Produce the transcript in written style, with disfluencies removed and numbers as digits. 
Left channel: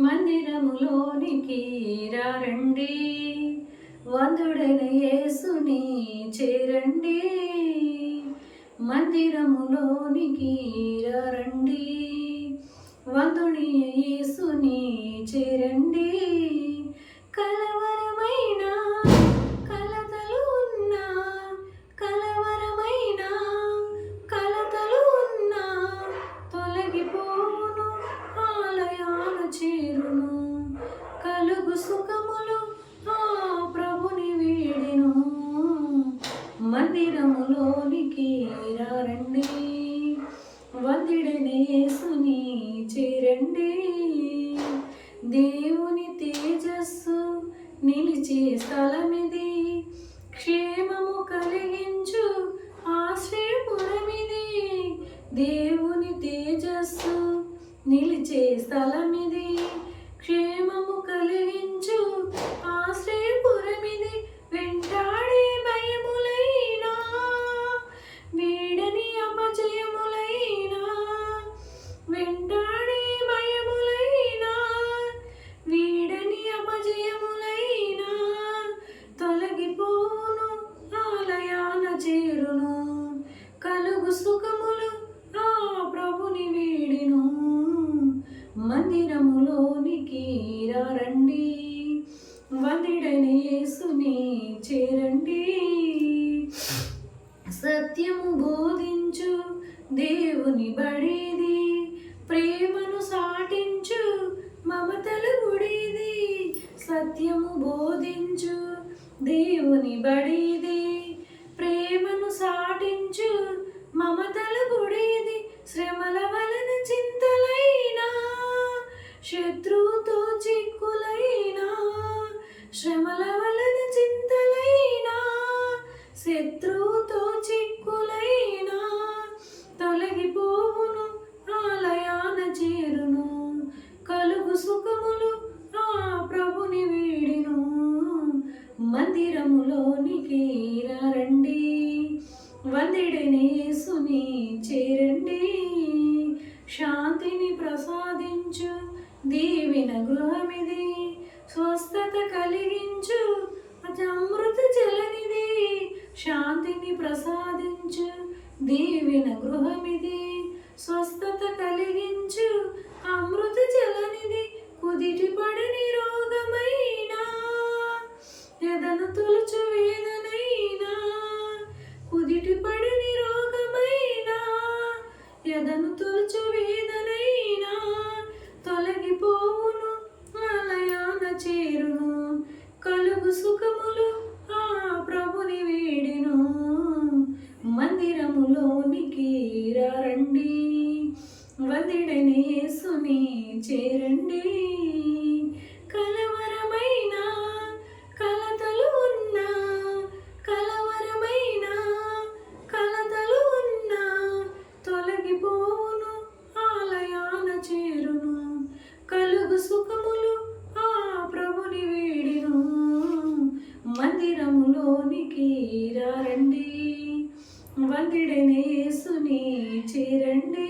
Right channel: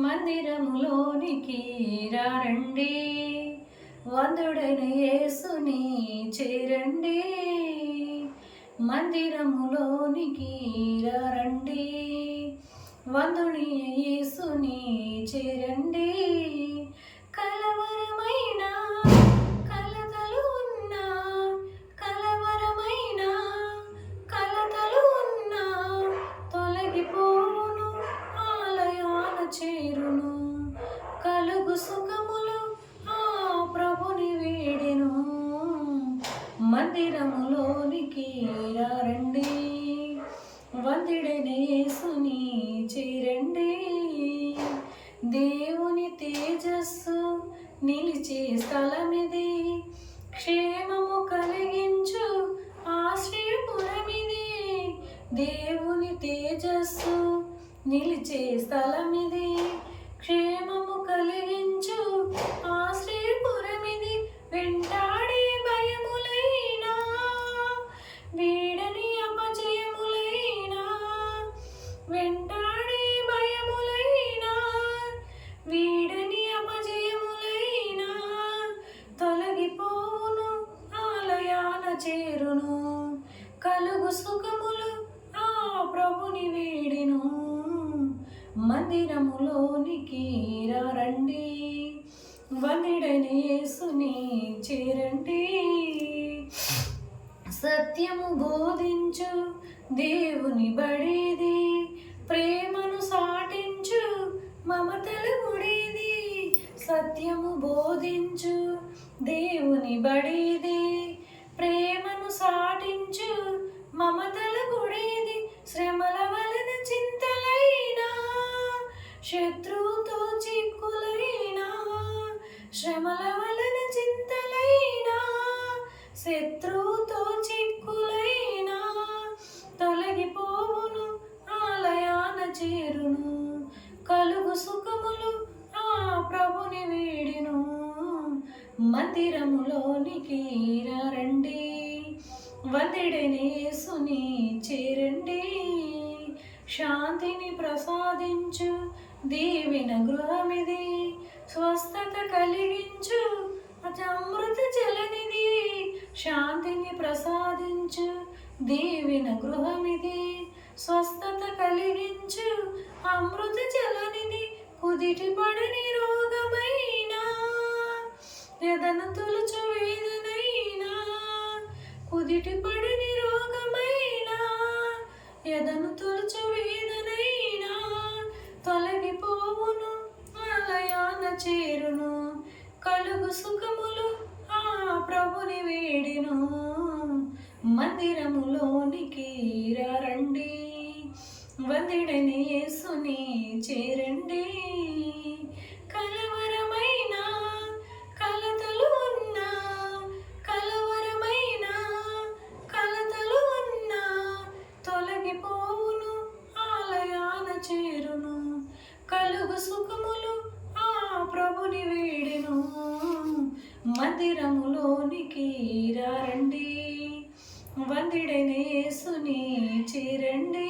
మందిరములోనికి రండి, వందుడైన యేసుని చేరండి. మందిరములోనికి రండి, వందుని యేసుని చేరండి. కలవరమైన కలతలు ఉన్నా, కలవరమైన కలతలు ఉన్నా తొలగిపోను, ఆలయాన చేరును. కలుగు సుఖములు ఆ ప్రభుని వీడెను. మందిరములోనికి రండి, వందిడైన యేసుని చేరండి. దేవుని తేజస్సు నిలిచే స్థలమిది, క్షేమము కలిగించు ఆశ్రయపురమిది. దేవుని తేజస్సు నిలిచే స్థలమిది, క్షేమము కలిగించు ఆశ్రయపురమిది. వెంటాడే భయములైనా, వీడని అపజయములైనా, వెంటాడే భయములైనా, వీడని అపజయములైనా తొలగిపోను, ఆలయాన చేరును. కలుగు సుఖములు ఆ ప్రభుని వీడెను. మందిరములోనికి రండి, వందిడైన యేసుని చేరండి. సత్యము బోధించు దేవుని బడిది, ప్రేమను సాటించు మమతల గుడిది. సత్యము బోధించు దేవుని బడిది, ప్రేమను సాటించు మమతల గుడిది. శ్రమల వలన చింతలైనా, శత్రువుతో చిక్కులైనా, శ్రమల వలన చింతలైనా, శత్రువుతో చిక్కులైనా తొలగిపోవును, ఆలయాన చేరును. కలుగు సుఖములు ఆ ప్రభుని వీడెను. మందిరములోనికి రండి, వందిడైన యేసుని చేరండి. శాంతిని ప్రసాదించు దీవెన గృహమిది, స్వస్థత కలిగించు అమృత జలనిది. శాంతిని ప్రసాదించు దీవెన గృహమిది, స్వస్థత కలిగించు అమృత జలనిది. కుదిటి పడని రోగమైనా, ఎదను తొలుచు వేదనైనా, కుదిటి పడని రోగమైనా, ఎదను తొలుచు వేదనైనా తొలగిపోవును, ఆలయాన చేరును. కలుగు సుఖములు ఆ ప్రభుని వీడెను. మందిరములోనికి రండి, వందిడైన యేసుని చేరండి. కలవరమైన కలతలు ఉన్నా, కలవరమైన కలతలు ఉన్నా తొలగిపోవును, ఆలయాన చేరును. కలుగు సుఖములు ఆ ప్రభుని వీడెను. మందిరములోనికి రండి, వందిడైన యేసుని చేరండి.